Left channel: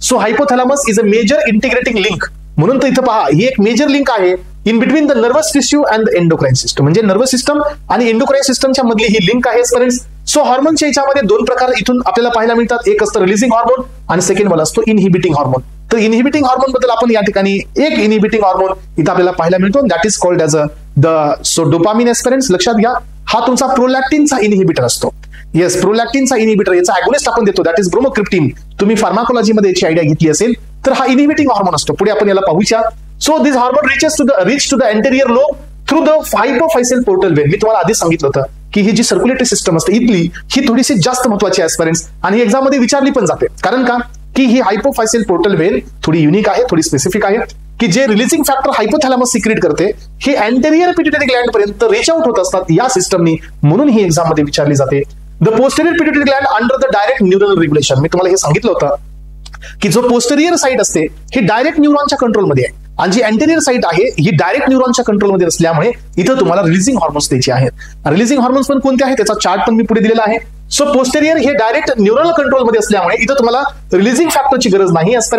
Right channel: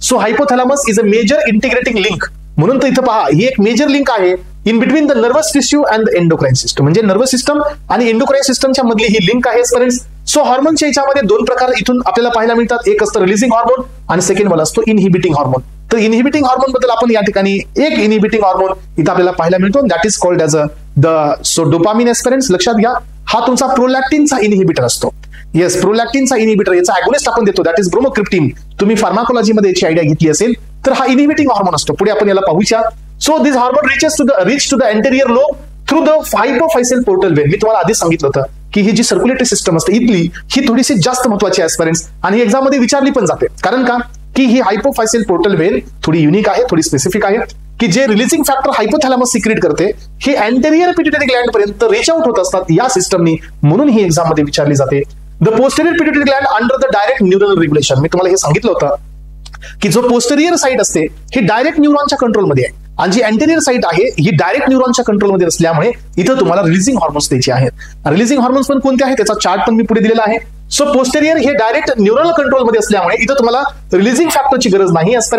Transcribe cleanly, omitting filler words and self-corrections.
So hypothalamus is a major integrating link. म्हणून तर इथं पहा, ही एक मेजर लिंक आहे in between the nervous tissue and the endocrine system. म्हणजे नर्वस सिस्टम आणि एंडोक्राइन सिस्टमच्या मधली ही लिंक आहे स्टुडंट्स. सो हार्मोनच्या याच्यामध्ये दोन प्रकार इथून आपल्याला पाहायला मिळतात. एक असतं रिलीजिंग हार्मोन आणि सेकंड वाला असतो इनहिबिटिंग हार्मोन. तर इनहिबिटिंग हार्मोन बद्दल आपण या ठिकाणी एक इनहिबिटिंग हार्मोन इथे आपल्याला पाहायला मिळतो, that is called as the dopamine students. लक्षात घ्या, हा तुमचा प्रोलॅक्टिनचा इनहिबिटर असतो. येस, प्रोलॅक्टिनचा इनहिबिटर, याचा अगोनिस्ट आपण देतो, दॅट इज ब्रोमोक्रिप्टिन. तुम्ही फार्माकोलॉजीमध्ये याची आयडिया घेतली असेल तर हा इनहिबिटिंग हार्मोन असतो. पुढे आपण याला पाहूया. So this hormone reach to the anterior lobe through the hypophyseal portal vein. मी तुम्हाला आधीच सांगितलं होतं की ही जी सर्क्युलेटरी सिस्टम असते इथली, ही थोडीशी जास्त महत्वाची आहे स्टुडंट्स, आणि एक्झाम मध्ये विचारली पण जाते. कारण का, की ही हायपोफायसियल पोर्टल वेन थोडी युनिक आहे, थोडी स्पेसिफिक आहे, की जे रिलीजिंग फॅक्टर हायपोथॅलॅमस सिक्रेट करते ही अँटेरियर पिट्युटरी ग्लँड पर्यंत रीच आउट होत असतात या सिस्टमनी. म्हणून ही एक्झाम मध्ये विचारली जाते. The posterior pituitary gland under the direct neural regulation. मी तुम्हाला हे सांगितलं होतं की जो पोस्टेरियर साइड असते ही डायरेक्ट न्यूरॉनच्या कंट्रोलमध्ये आहे, आणि जी अँटेरियर साइड आहे ही डायरेक्ट न्यूरॉनच्या कंट्रोलमध्ये असल्यामुळे इथं तुम्हाला रिलीजिंग हार्मोन्स द्यायचे आहेत. रिलीजिंग हार्मोन्स पण कोणते आहेत त्याचा चार्ट पण मी पुढे दिलेला आहे. सो पोस्टेरियर हे डायरेक्ट न्यूरल कंट्रोलमध्ये असल्यामुळे इथं तुम्हाला रिलीजिंग फॅक्टरची गरज नाही असते.